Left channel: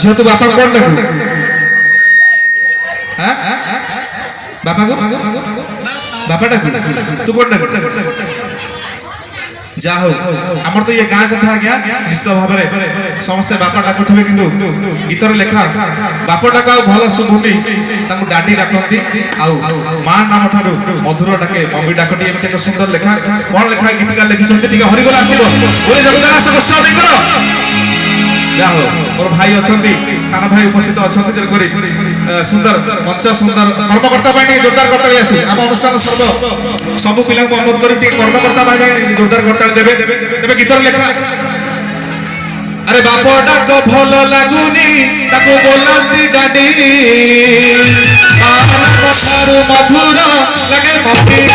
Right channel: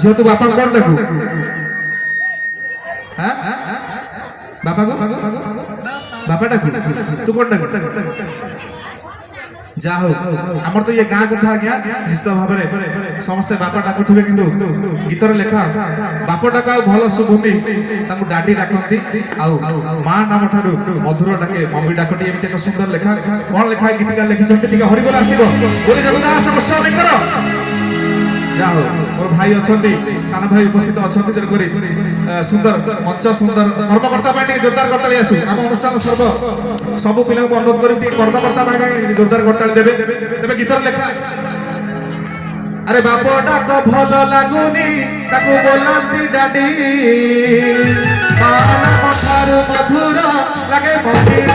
যেহেতু বাপা কোন ডাকু হ্যাঁ বাপা গো বাপা ডাকু তু কোন ডাকু যা হোক আমার তো এই গাঁ কথা আজ্ঞা নিশ্চিত ভাবে সমস্তে বাপা ডাকুথিবে কিন্তু গীতর লেখা বাপা ডাকা ভাল শুভুনি তাଙ୍କୁ ডাডি ডাকନ୍ତି ଆଉ মা নাম ঠাରୁ মধুর ডাকে মম্মি ডাকটি এমতি এক সুন্দর লেখা কোন লেখা গীতিকার লিখিছেন টিকে হরিবল আসিব বলে জগন্নাথ বর্ষ কর যা হোক মোর ভাই অছন্তি সানা ভাই উপস্থিত অছন্তি যেন করি সুন্দর মঞ্চ সুন্দর কর্মকর্তা পাই জোরদার করতালি আসু আম অনুষ্ঠান সবু পিলাଙ୍କୁ অনুরোধ করি টিকে কর্মকর্তা পাই জোরদার করতালি দেবে তেবে গীতর লেখা আরে বাপ ডাক ভাল লাগুনি তাকু બોલાନ୍ତି ডাডি মা নাম ঠাରୁ মধুর লাগে মম্মি